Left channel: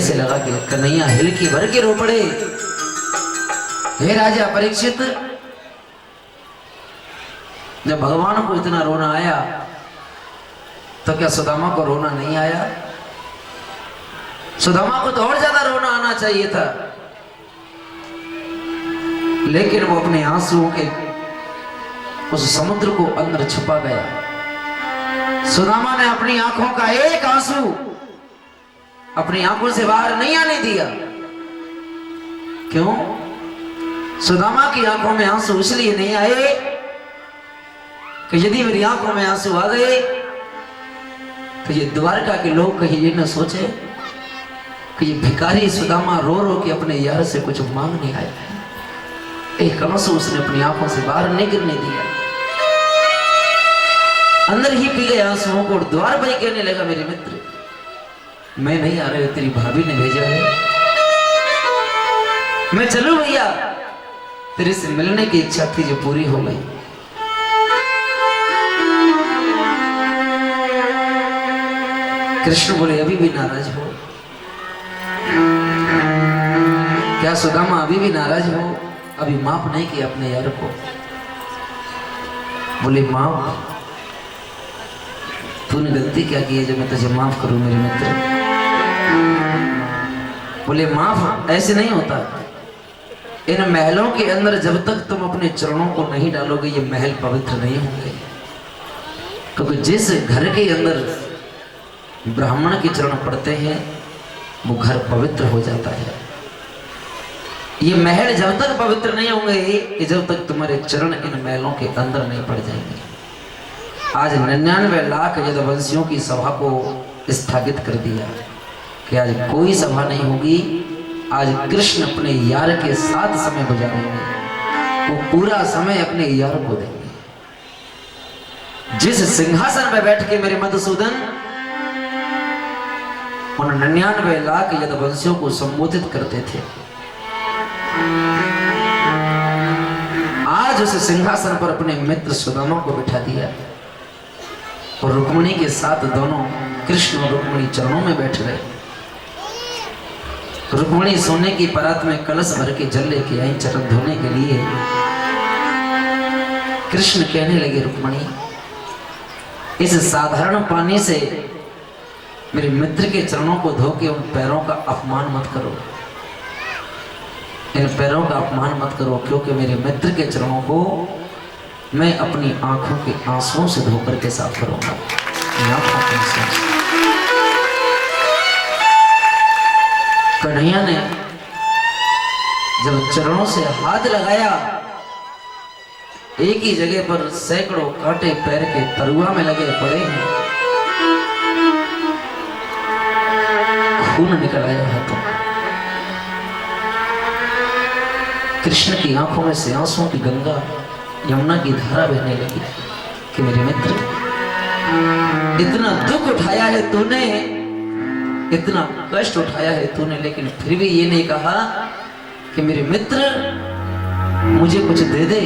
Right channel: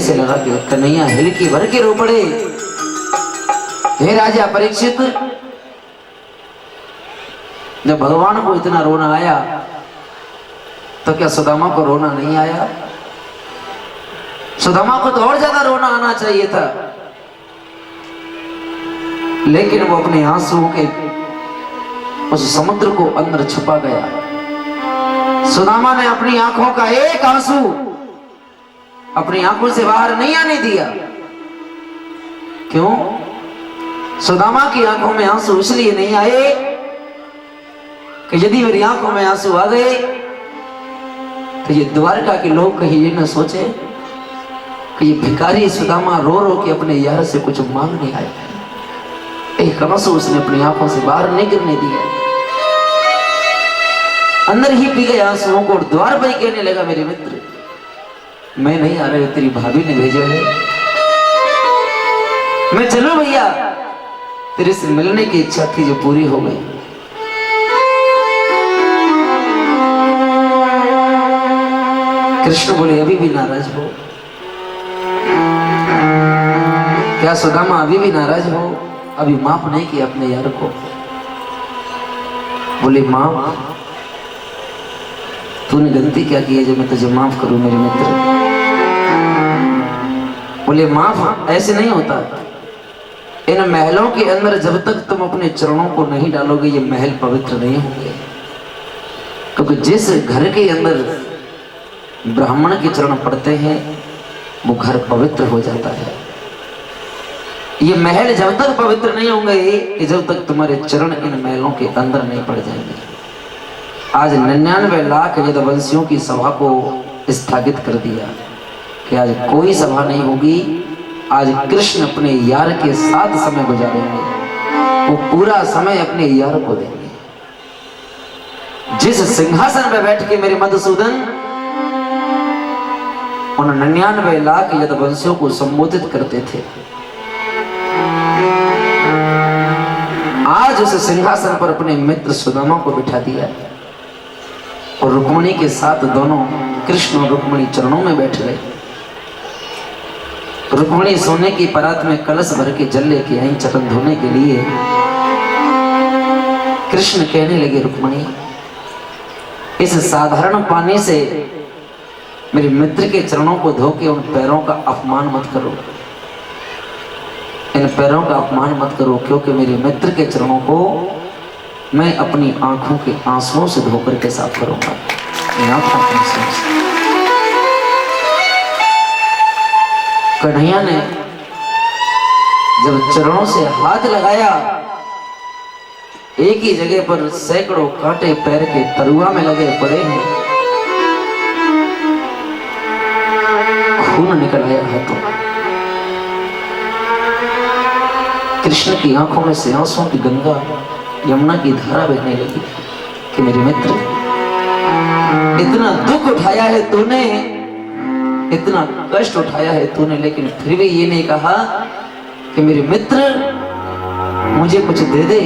से लगा कि कन्हैया हिलकी भर के रो पड़े। हे राजा परीक्षित, जब भगवान को इतना रोना आया तो क्या सुदामा को रोना नहीं आया? सुदामा को तो और ज्यादा रोना आना चाहिए था, लेकिन वो अपने आंसुओं के उस समुद्र को अंदर छुपा गया। सुदामा ने अपनी आंखों का एक आंसू अपनी आंखों से बाहर नहीं आने दिया। क्यों? सुदामा की आंखों में आंसू इसलिए नहीं आए कि यदि मेरी आंखों में आंसू आ गए तो ये द्वारका के लोग कहीं ये न सोचे कि ये भिखारी सुदामा रो रो के अपने यार से कुछ मांगने आया। एक आंसू उसने अपनी आंखों से बाहर नहीं गिरने दिया, अंदर ही पी गए आंसुओं को। और द्वार पर ही कहने लगा, मेरे मित्र मैं नहीं आ रहा, तेरी भाभी ने भेजा है। मैं चलूं भैया? तेरे से मिलने की इच्छा थी जो पूरी हो गई। कृष्ण बोले, अभी भी नाराज हो? क्या सुदामा अभी भी नाराज हो? अभी माफ नहीं किया अपने यार को? बोले, माफ? तूने गलती क्या की है जो मैं तुझे माफ करूं मेरे मित्र? बोले, माफ ऐसे नहीं होता। इन महलों के अंदर जब तक तुम अपने चरणों को नहीं डालोगे ये महल पवित्र नहीं होंगे। क्योंकि जिस घर के अंदर ब्राह्मण के चरण पड़ते हैं वो घर पवित्र हो जाता है। ये महल जब तक पवित्र नहीं होंगे कि जब तक तुम्हारे चरण इन महलों के अंदर नहीं पड़ जाएंगे। आज 99 लाख यदुवंशियों की सभा को स्थगित कर दिया कि आज कोई सभा नहीं होगी। आज कृष्ण अपने यार के साथ समय गुजारेंगे, वो पूरा समय अपने यार को देंगे। जिस सिंहासन पर बैठ के मेरे मधुसूदन उन 99 लाख यदुवंशियों को संबोधित करते थे, आज उस सिंहासन पर अपने मित्र सुदामा को बिठा दिया और रुक्मिणी के साथ दोनों कृष्ण और रुक्मिणी चरणों में बैठ गए। रुक्मिणी सोने की परात में कलश भर के जल लेके आई चरण धोने के लिए। कृष्ण कहने लगे, रुक्मिणी इस साधारण पानी से मेरे मित्र के चरणों को धो के उन पैरों का अपमान मत करो, इन पैरों का अपमान मत करो, क्योंकि मेरे मित्र के चरणों को मैं अपनी आंखों के आंसुओं से धोकर के साफ करूंगा। कन्हैया ने जब चरणों से हाथ लगाया, एक ही जगह पर सैकड़ों कांटे पैर के तरुआ में लगे पड़े हैं। खून निकल आया हाथों। कृष्ण की आंखों में से आंसुओं की गंगा यमुना की धारा बहने लगी कि मेरे मित्र इतना दुख उठाया है तूने, इतना कष्ट उठाया है तूने, लेकिन फिर भी ये नहीं कहा कि मेरे मित्र मुझे कुछ दे दे।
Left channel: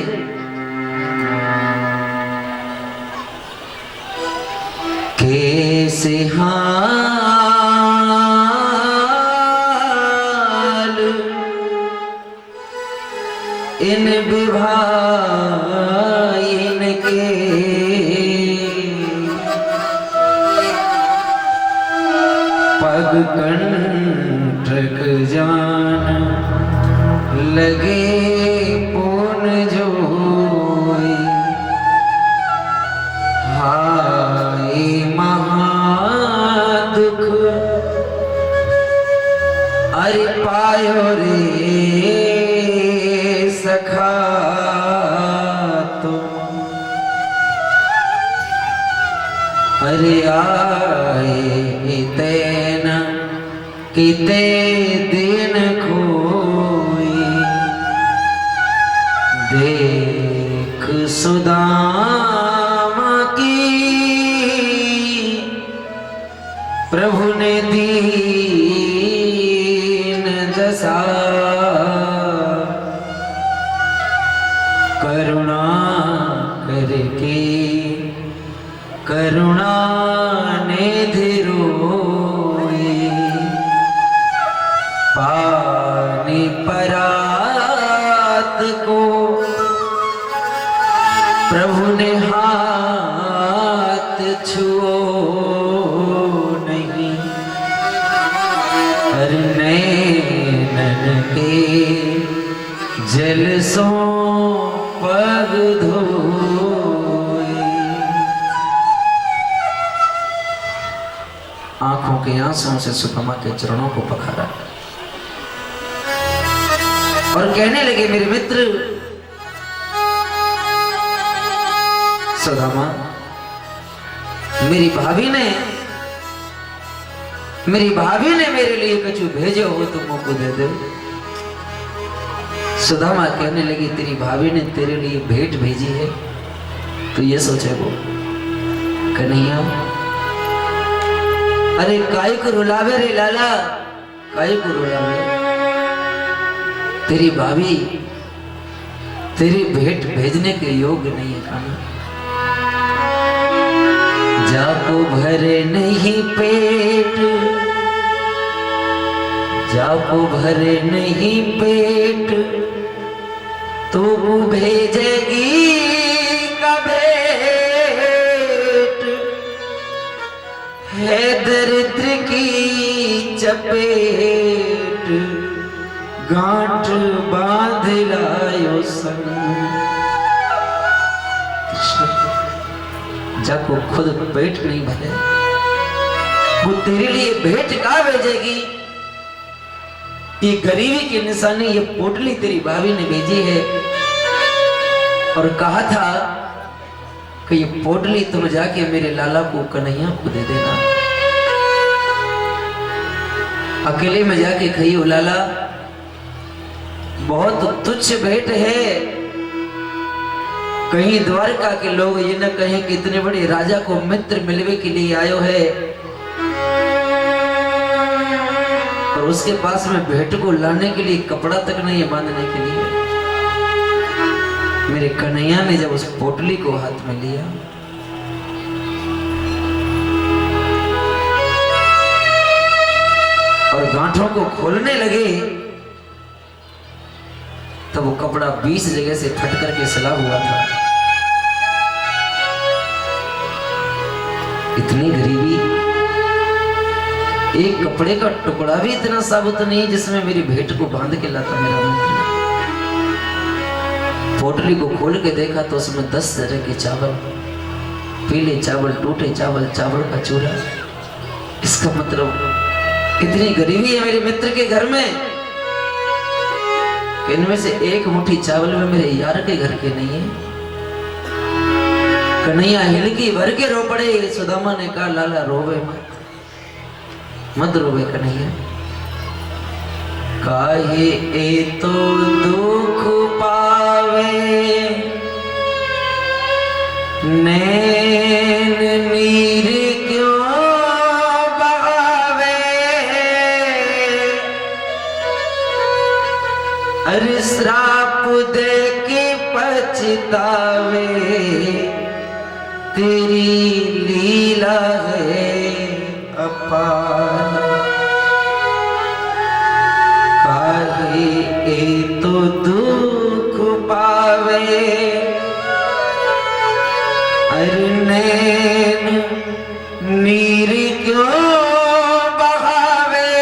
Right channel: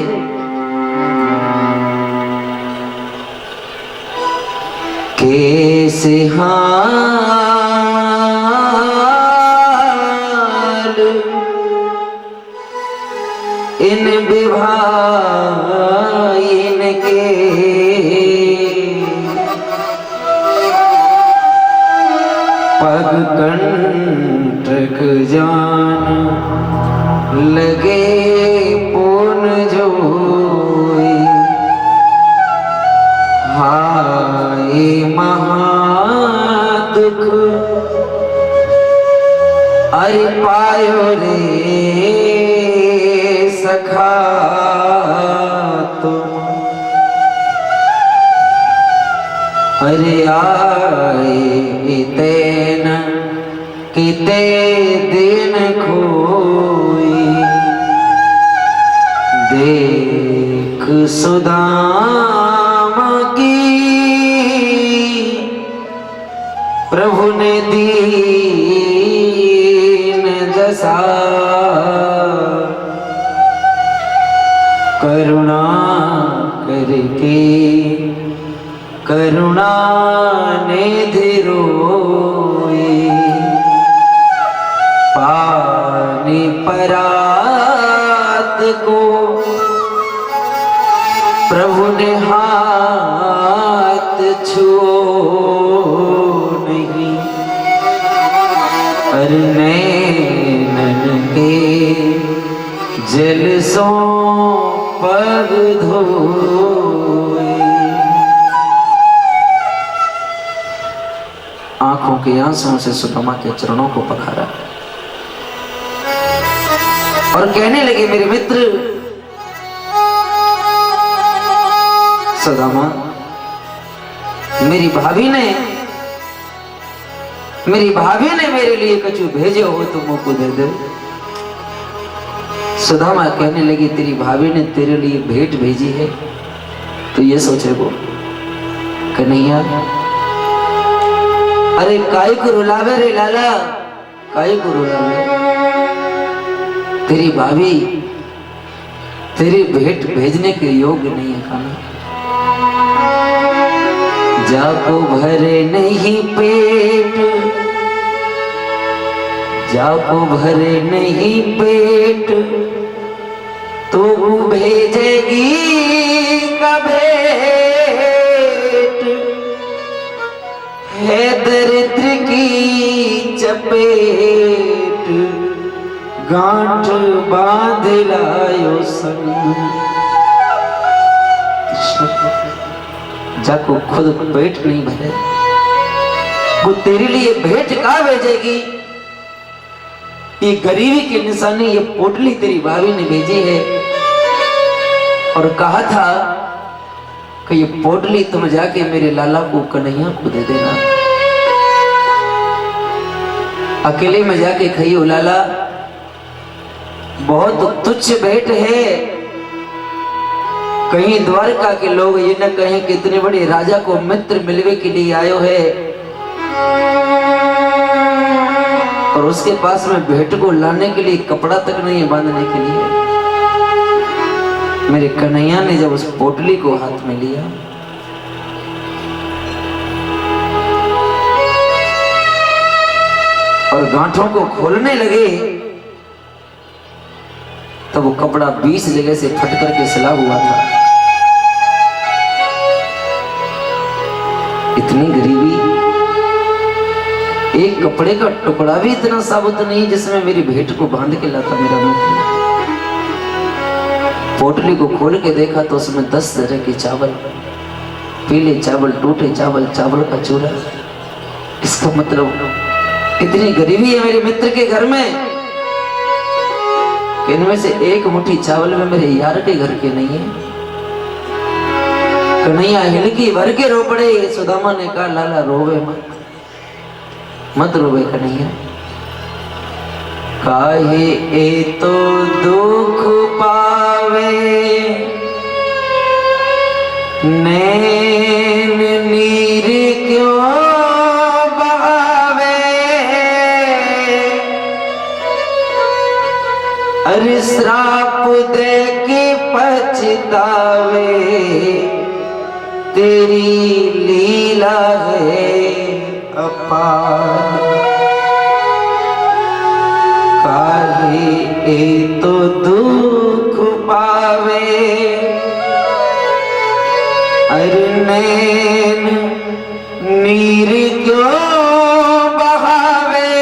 कैसे हाल इन विभाइन के, पग कंटक जान लगे पुन जोई। हाय महादुख अरे पायो रे सखा तुम, अरे आए तेन किते दिन खोई। देख सुदामा की प्रभु ने दीन दशा, करुणा करके करुणा ने धिरोई। को प्रभु ने हाथ छुओ नहीं, अरे नैनन के जल सो पग धोए। आंखों के आंसुओं से सुदामा के चरणों को पखारा और कहने लगे, मेरे मित्र सुदामा, मेरी भाभी ने मेरे लिए कछु भेजे हो तो मुझको दे दे। सुदामा कहने लगी, तेरी भाभी ने तेरे लिए भेंट भेजी है तो ये सोचे वो कन्हैया, अरे काय को रुलावे रे लाला, काय को रुलावे। तेरी भाभी तेरी भेंट भेजने के योग्य नहीं है कान्हा। जाको भरे नहीं पेट, जाको भरे नहीं पेट, तो भेजेगी कभेट। है दरिद्र की चपेट, गांठ बांध लायो संग। जाको खुद पेट नहीं भरे, वो तेरे लिए भेंट कहाँ भेजेगी। ये गरीबी की निशानी, ये पोटली तेरी भाभी ने भेजी है और कहा था कि ये पोटली तुम जाके मेरे लाला को, कन्हैया को दे देना। अकेले में जाके खाइयो लाला, बहुत तुच्छ भेंट है। कहीं द्वारका के लोग ये न कहें कि इतने बड़े राजा को मित्र मिलवे के लिए आयो है और उसके पास में भेंट को लाने के लिए कपड़ा तक नहीं है बांधने के लिए। मेरे कन्हैया ने जब उस पोटली को हाथ में लिया, और गांठों को खोलने लगे, तब वो कपड़ा 20 जगह से फट करके सिला हुआ था। इतनी गरीबी, एक कपड़े का टुकड़ा भी इतना साबुत नहीं जिसमें मेरी भेंट को बांध के लाता मेरा मित्र। पोटली को खोल के देखा तो उसमें 10 तरह के चावल, पीले चावल, टूटे चावल, चावल का चूरा। इसका मतलब इतनी गरीबी है मेरे मित्र के घर में, इनमें से एक मुट्ठी चावल में मेरे यार के घर के नहीं है। कन्हैया हिलकी भर के रो पड़े। सुदामा ने कहा, लाला रोवे मत, मत रोवे कन्हैया। काहे ए तो दुख पावे, नैन नीर क्यों बहावे। अरे श्राप दे के पछतावे, तेरी लीला है अपार। काहे ए तो दुख पावे, अरे नैन नीर क्यों बहावे।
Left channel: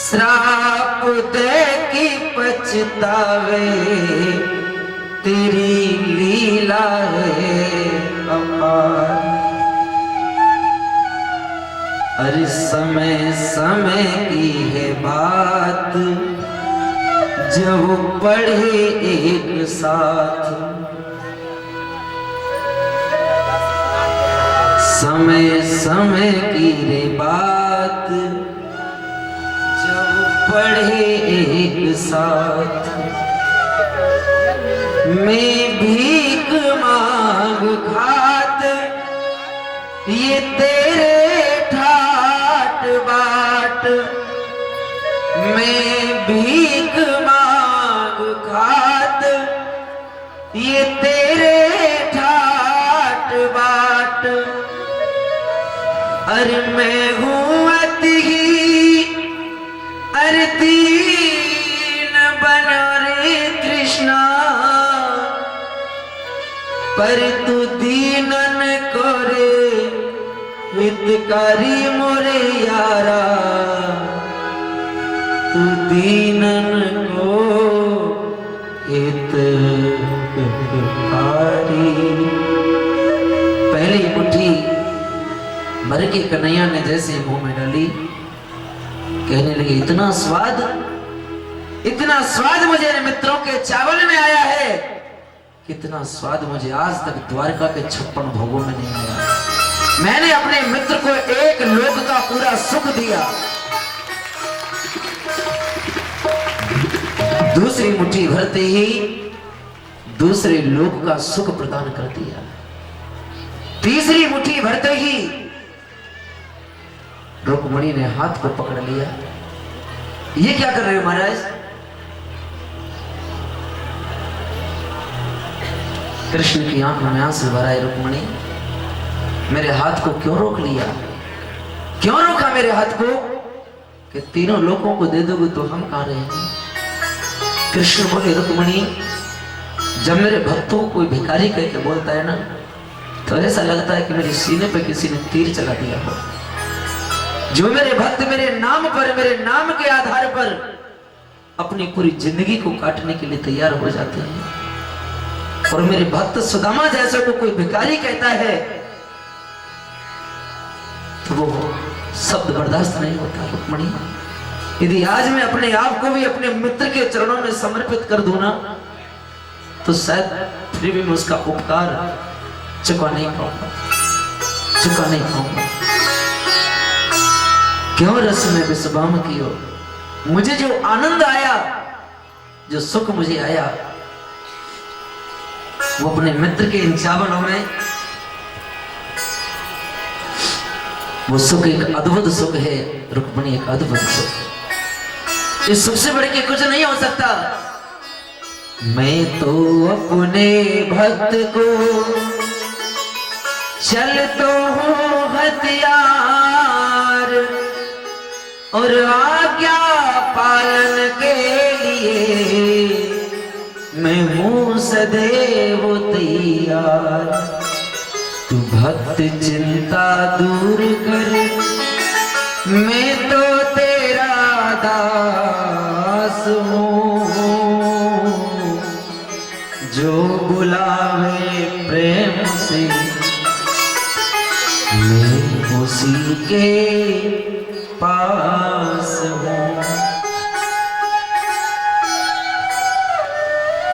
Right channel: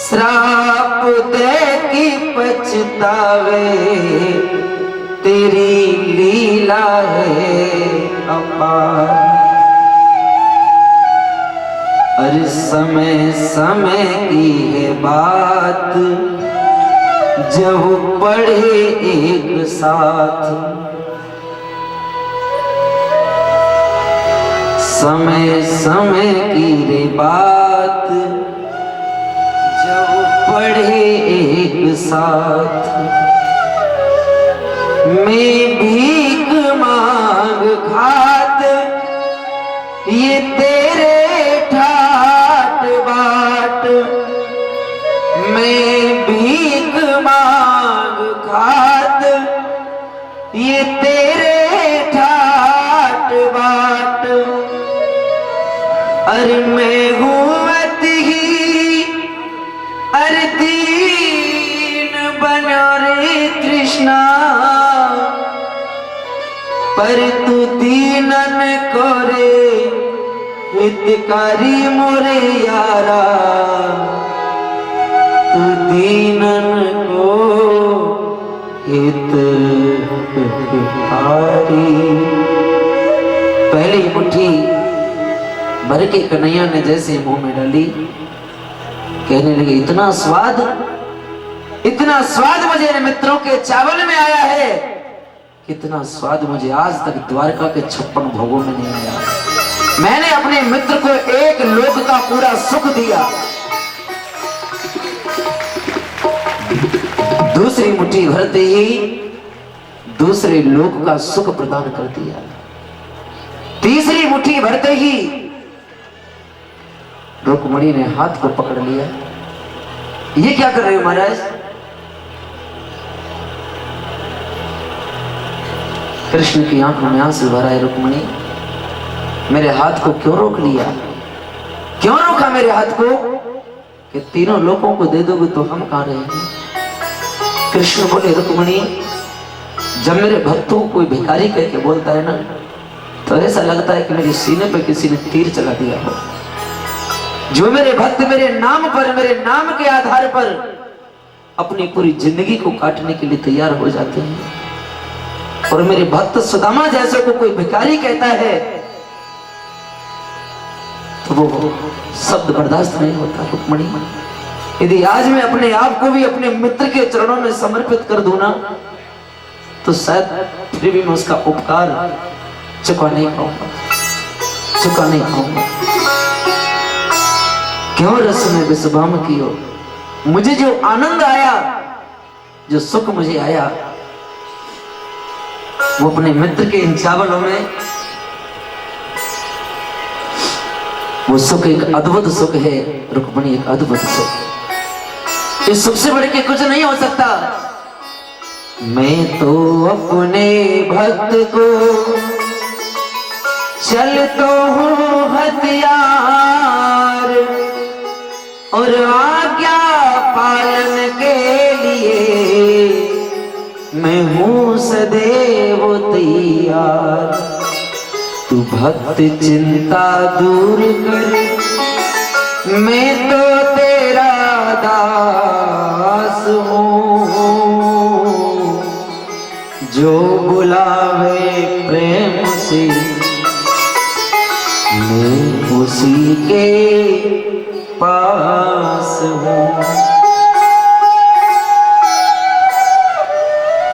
श्राप दे की पछतावे, तेरी लीला है अपार। अरे समय समय की है बात, जब पढ़े एक साथ। समय समय की रे बात, जब पढ़े एक साथ। मैं भीख मांग खात, ये तेरे ठाट बाट। मैं भीख मांग खात, ये तेरे ठाट बाट। अरे मैं हूँ अति ही, अरे दीन पर तू दीनन कोरे हितकारी मोरे यारा, तू दीनन को हितकारी। पहली मुट्ठी भर के कन्हैया ने जैसे मुंह में डाली, कहने लगे इतना स्वाद मुझे मित्रों के चावल में आया है, कितना स्वाद मुझे आज तक द्वारका के 56 भोगों में नहीं आया। मैंने अपने मित्र को एक लोक का पूरा सुख दिया, दूसरी मुट्ठी भरते ही दूसरे लोक का सुख प्रदान कर दिया, तीसरी मुट्ठी भरते ही रुक्मणी ने हाथ को पकड़ लिया। ये क्या कर रहे हो महाराज? कृष्ण की आंखों में आंसू भर आए। रुक्मणी, मेरे हाथ को क्यों रोक लिया? क्यों रोका मेरे हाथ को? कि तीनों लोगों को दे दोगे तो हम कहां रहेंगे? कृष्ण बोले, रुक्मणी, जब मेरे भक्तों को कोई भिखारी कह के बोलता है ना, तो ऐसा लगता है कि मेरे सीने पे किसी ने तीर चला दिया हो। जो मेरे भक्त मेरे नाम पर, मेरे नाम के आधार पर अपनी पूरी जिंदगी को काटने के लिए तैयार हो जाते हैं, और मेरे भक्त सुदामा जैसे को कोई भिखारी कहता है तो वो शब्द बर्दाश्त नहीं होता। रुक्मणी, यदि आज मैं अपने आप को भी अपने मित्र के चरणों में समर्पित कर दूं ना, तो शायद फिर भी मैं उसका उपकार चुका नहीं पाऊंगा। क्यों रस में विश्वाम कियो? मुझे जो आनंद आया, जो सुख मुझे आया, वो अपने मित्र के इन चावलों में, वो सुख एक अद्भुत सुख है। रुक्मणी, एक अद्भुत सुख, इस सुख से बढ़ के कुछ नहीं हो सकता। मैं तो अपने भक्त को चलता हूँ हथियार, और आज्ञा पालन के लिए मैं हूँ सदैव तैयार। तू भक्त चिंता दूर कर, मैं तो तेरा दास हूँ, जो बुलावे प्रेम से मैं उसी के पास हूँ।